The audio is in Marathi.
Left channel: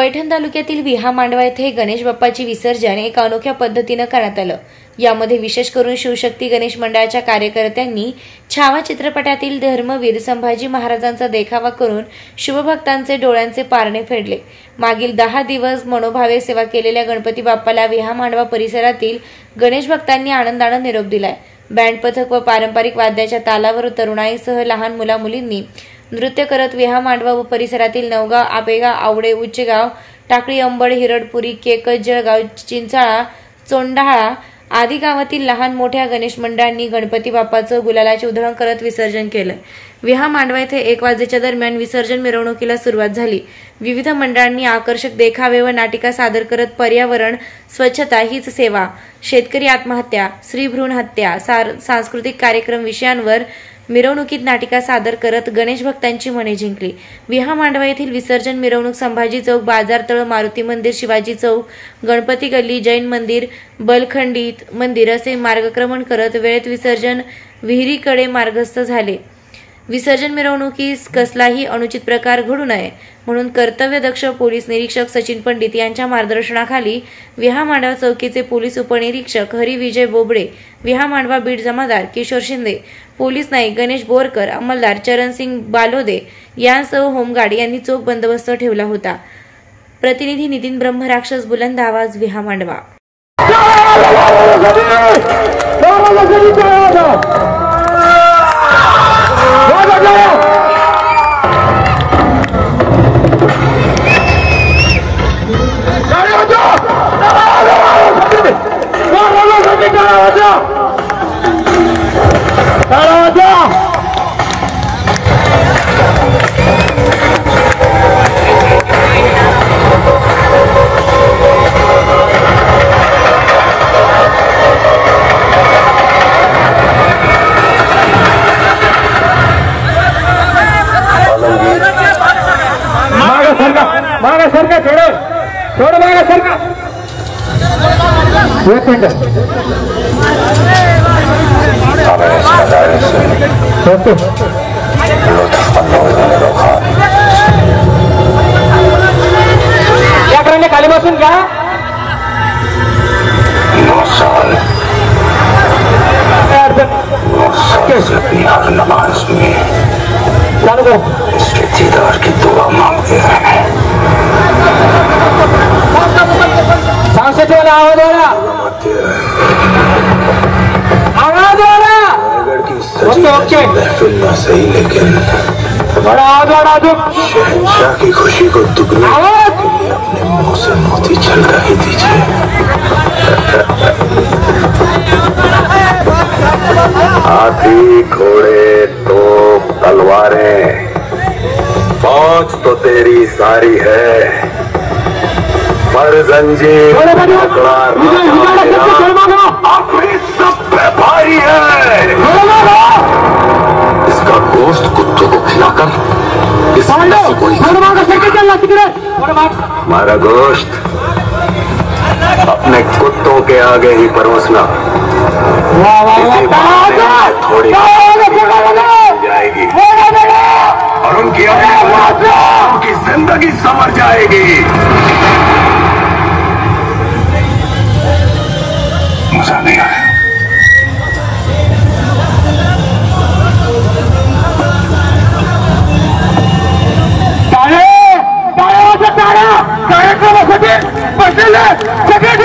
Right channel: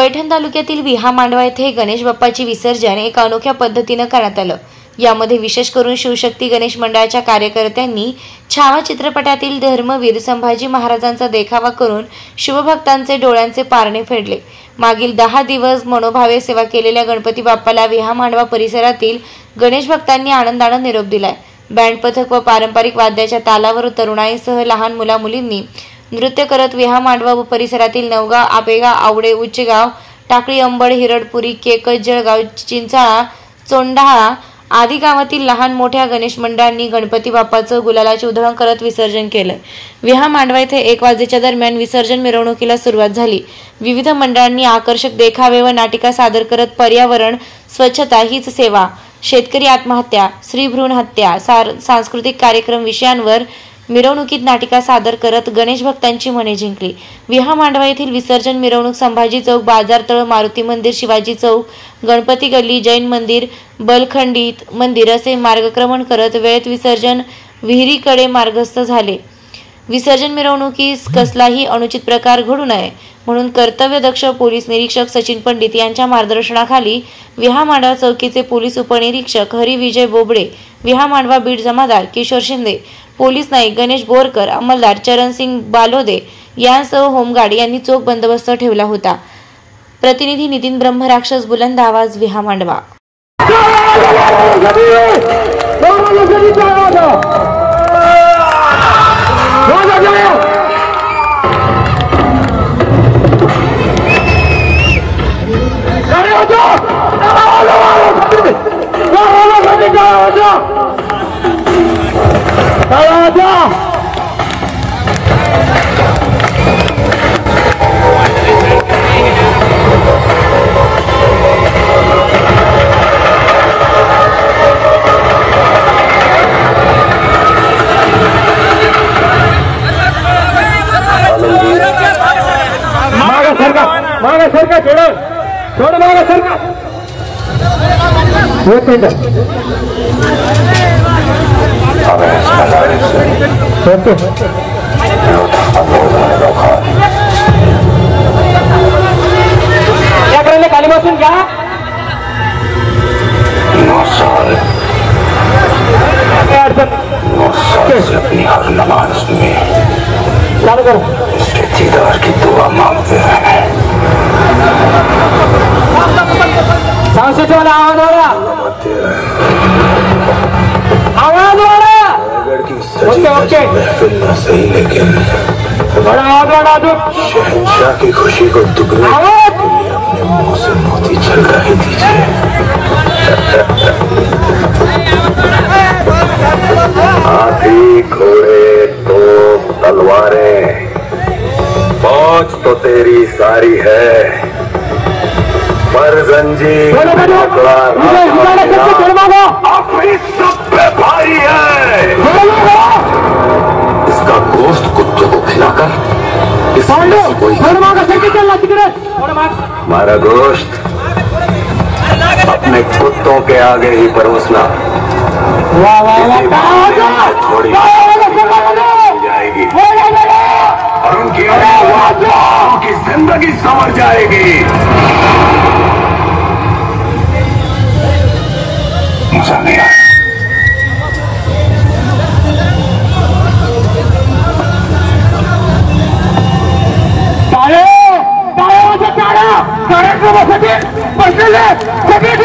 पैठण तालुक्यातील विहा मांडवा येथे गणेश बाप्पाचे विसर्जन एका अनोख्या पद्धतीने करण्यात आलं। यामध्ये विशेष करून शिवशक्ती गणेश मंडळाच्या कार्यकर्त्यांनी छावा चित्रपटातील धर्मवीर संभाजी महाराजांचा देखावा करून शुभभक्तांचे डोळ्यांचे पारणे फेडले। मागील 10 दिवस मनोभावे सेवा केलेल्या गणपती बाप्पाला विहा मांडवा परिसरातील गणेश भक्तांनी आनंदाने निरोप दिलाय। बँड पथक व पारंपरिक वाद्याच्या तालावर तरुणाईसह लहान मुला-मुलींनी नृत्य करत विहा मांडवा व परिसरातील नवगाव, आपेगाव, आवडे, उच्चगाव, टाकळी, अंबड, हिरडपुरी, केकज, जळगाव, चिंचाळा, चोंडाळा आदी गावातील लहान मोठ्या गणेश मंडळांनी गणपती बाप्पाचं गुलालाची उधळण करत विसर्जन केलं। विहा मांडवा येथे 1 वाजेच्या दरम्यान विसर्जन मिरवणुकीला सुरुवात झाली। विविध मंडळांनी आकर्षक देखावे व नाटिका सादर करत पर्यावरण, स्वच्छता हीच सेवा, शेतकरी आत्महत्या, स्त्री भ्रूण हत्या, सांस्कृतिक कार्यक्रम विषयांवर मिरवणुकीत नाटिका सादर करत गणेश भक्तांची मने जिंकली। विहा मांडवा येथील विसर्जन मिरवणूक संभाजी चौक, बाजारतळ, मारुती मंदिर, शिवाजी चौक, गणपती गल्ली, जैन मंदिर, बलखंडित मंदिर असे मार्गक्रमण करत वेळेत विसर्जन विहिरीकडे मार्गस्थ झाले। विसर्जन मिरवणुकीस कसलाही अनुचित प्रकार घडू नये म्हणून कर्तव्यदक्ष पोलीस निरीक्षक सचिन पंडित यांच्या मार्गदर्शनाखाली विहा मांडवा चौकीचे पोलीस उपनिरीक्षक हरी विजय बोबडे, विहा मांडवा बीट जमादार किशोर शिंदे, पोलीस नाईक गणेश बोरकर, अंमलदार चरणसिंग बालोदे यांसह होमगार्ड यांनी चोख बंदोबस्त ठेवला होता। प्रतिनिधी नितीन ब्रह्मराक्षस, बुलंद आवाज, विहा मांडवा। खाली बसून घ्या। 9 साल से अपनी हर नमाज में इसके दीदार की दुआ मांगते हैं। महफिल न सही लेकिन शहंशाह की खुशी को दुगनी अपने मुंह से मोती छलका ही दीजिए। हाथी, घोड़े, तोप, तलवारें, फौज तो तेरी सारी है, पर जंजीर अपनी सब पे भारी है। इसका गोश्त कुत्तों को खिलाकर हमारा गोश्त अपने कुत्तों के आगे ही परोसना। थोड़ी जाएगी और उनकी जिंदगी संवर जाएगी। मजा नहीं आया। Second